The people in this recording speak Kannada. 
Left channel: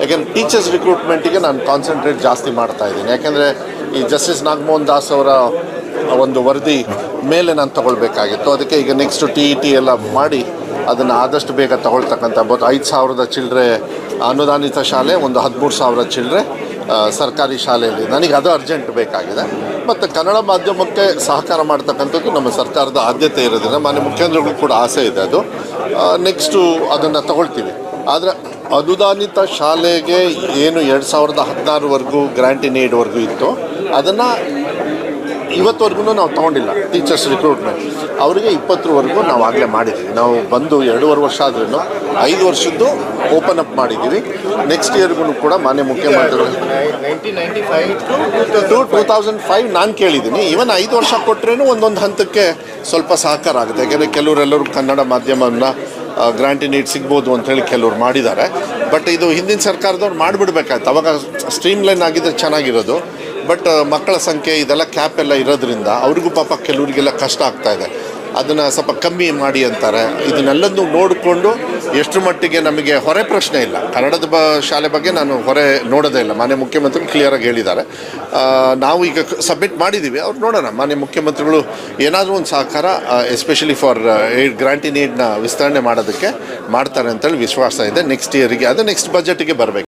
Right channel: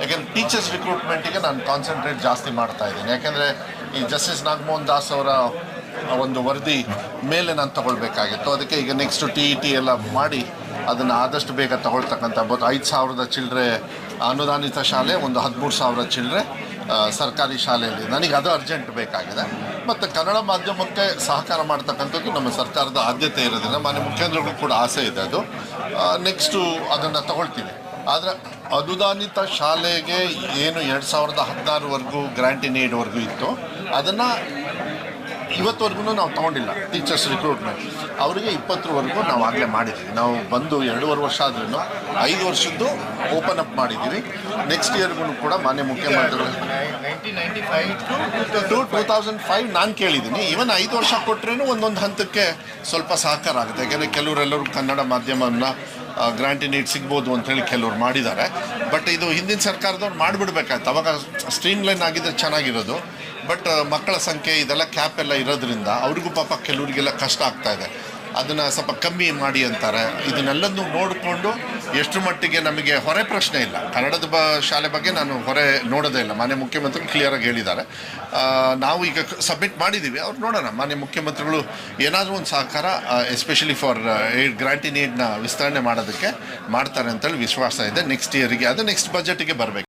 ಯಾಕೆಂದರೆ ಟೀಚರ್ಸ್ ರಿಕ್ರೂಟ್ಮೆಂಟಿಗೆ ನಾನು ಕಾನ್ಸಂಟ್ರೇಟ್ ಜಾಸ್ತಿ ಮಾಡ್ತಾ ಇದ್ದೀನಿ. ಯಾಕೆಂದರೆ ಈ ಜಸ್ಟಿಸ್ ನಾಗಮೋಹನ್ ದಾಸ್ ಅವರ ಒಂದು ವರದಿ ಮೇಲೆ ನಾನು ತಗೊಳ್ಬೇಕಾಗಿತ್ತು. ಅದಕ್ಕೆ ಈಗ ನೆಕ್ಸ್ಟ್ TET ಎಲ್ಲ ಮಾಡಿ ಅದನ್ನು ಆದಷ್ಟು ಬೇಗ ತಗೊಳ್ತಕ್ಕಂಥ 5,000 ಚಿಲ್ಲರೆ ಅನುದಾನಿತ ಶಾಲೆ, ಒಂದು 13,000 ಚಿಲ್ಲರೆ ಸರ್ಕಾರಿ ಶಾಲೆಯಲ್ಲಿ ನನಗೆ ಅದು ಅರ್ಜೆಂಟ್ ಬೇಕಾಗಿದೆ. ಮತ್ತು ಕನ್ನಡ ಮಾಧ್ಯಮಕ್ಕೆ ಸಹಕಾರ ಮಾಡ್ತಕ್ಕಂಥದ್ದು ನಮ್ಮ ಸರ್ಕಾರದ ಆದ್ಯತೆ ಇರೋದ್ರಿಂದ ಮಾನ್ಯ ಮುಖ್ಯಮಂತ್ರಿಗಳು ಕೂಡ ಆಸೆ ಇದೆ. ಅದು ನೆಕ್ಸ್ಟು ಅದನ್ನು ತಗೊಳ್ತೀವಿ. ಆದರೆ ಅನುದಾನಿತ ಶಾಲೆಗೆ ಏನು 2016ವರೆಗೂ ಗ್ರ್ಯಾಂಟ್ ಇನ್ ಏಡ್ವರೆಗೂ ಇತ್ತು, ಅದನ್ನು ಇವತ್ತುವರೆಗೂ ನಾವು ತೊಗೊಂಡಿಲ್ಲ. ಟೀಚರ್ಸ್ ರಿಕ್ರೂಟ್ಮೆಂಟ್ ಅವರಿಗೆ 20ವರೆಗೂ ನಾವು ಆಗಲೇ ಮಾಡಿದ್ದೀವಿ. ನಾವು ಬಂದು 2.5 ವರ್ಷ ಆದ್ರೂ 5 ವರ್ಷದ್ದು ಓಪನ್ ಅಪ್ ಮಾಡಿದ್ದೀವಿ. ನೆಕ್ಸ್ಟ್ ಇಯರ್ಗೂ ಕೂಡ ಮಾನ್ಯ ಮುಖ್ಯಮಂತ್ರಿಗಳು 2005 ನಾನು ಕೇಳಿದ್ದೀನಿ. ಈವನ್ 5 ವರ್ಷ ಕೊಟ್ಟರೇನು ಒಂದೊಂದು ಹಂತಕ್ಕೆ ಸ್ವಲ್ಪ ಸಹಕಾರ ಆಗುತ್ತೆ. ಯಾಕೆಂದರೆ ಕೆಲವರೆಲ್ಲರೂ ಕನ್ನಡ ಮಾಧ್ಯಮವನ್ನು ಗ್ರ್ಯಾಂಟ್ ಇನ್ ಏಡ್ ಸಿಗ್ಬೋದು ಅಂಥೇಳಿ ಕೆಲವ್ರು ಮಾಡಿದ್ದಾರೆ. ಬಟ್ ಇದು ಹಿಂದಿನ ಸರ್ಕಾರದವ್ರು ಮಾಡಿಬಿಡ್ಬೇಕಾಯ್ತು. ಅವಾಗ ಸ್ಟ್ರೀಮ್ಲೈನ್ ಆಗಿದ್ದರೆ ಚೆನ್ನಾಗಿರೋದು. ಬಟ್ ಮಕ್ಕಳ ಸಂಖ್ಯೆ ಇದೆಲ್ಲ ಕ್ಯಾಪ್ ಎಲ್ಲ ಇರೋದ್ರಿಂದ ಅವ್ರಿಗೂ ಪಾಪ ಕೆಲವರಿಗೆಲ್ಲ ಕಷ್ಟ ಆಗ್ತಾಯಿದೆ. ಅದನ್ನು ಸ್ವಲ್ಪ ಕಮ್ಮಿ ಮಾಡಿ ಅಂತಾರೆ. ಇದನ್ನೆಲ್ಲದನ್ನು ನೋಡಿಕೊಂಡು ಎಷ್ಟು ಮಟ್ಟಿಗೆ ನಮಗೆ ಹೊರೆ ಪ್ರಶ್ನೆ ಇಲ್ಲ. ಕನ್ನಡದ ಶಾಲೆ ಬಗ್ಗೆ ನಾನು ಹೊರೆ ನೋಡೋದೇ ಇಲ್ಲ. ಮಾನ್ಯ ಮುಖ್ಯಮಂತ್ರಿಗಳು ಕ್ಲಿಯರಾಗಿ ಹೇಳಿದ್ದಾರೆ. ನಾವು ಈಗ ಸಬ್ಮಿಟ್ ಮಾಡಿದ್ದೀವಿ. ಅವ್ರು ನೋಡೋಣ, ಮಾನ್ಯ ಮುಖ್ಯಮಂತ್ರಿಗಳು ಏನಾದರೂ ಒಂದು ಸಹಕಾರ ಎಸ್ಪೆಷಲಿ ಫಾರ್ ಗ್ರ್ಯಾಂಟ್ ಇನ್ ಏಡ್ನ ವಿಸ್ತರಣೆ ಮಾಡೋದಕ್ಕೆ ಮಾಡ್ತಾರೆ ಅಂತೇಳಿ ವಿಶ್ವಾಸ ಇದೆ. ನೆಕ್ಸ್ಟ್ ಇಯರಿಗೆ ಅದು ನೆಕ್ಸ್ಟ್ ಬಜೆಟಿಗೆ ಬರಬೇಕು.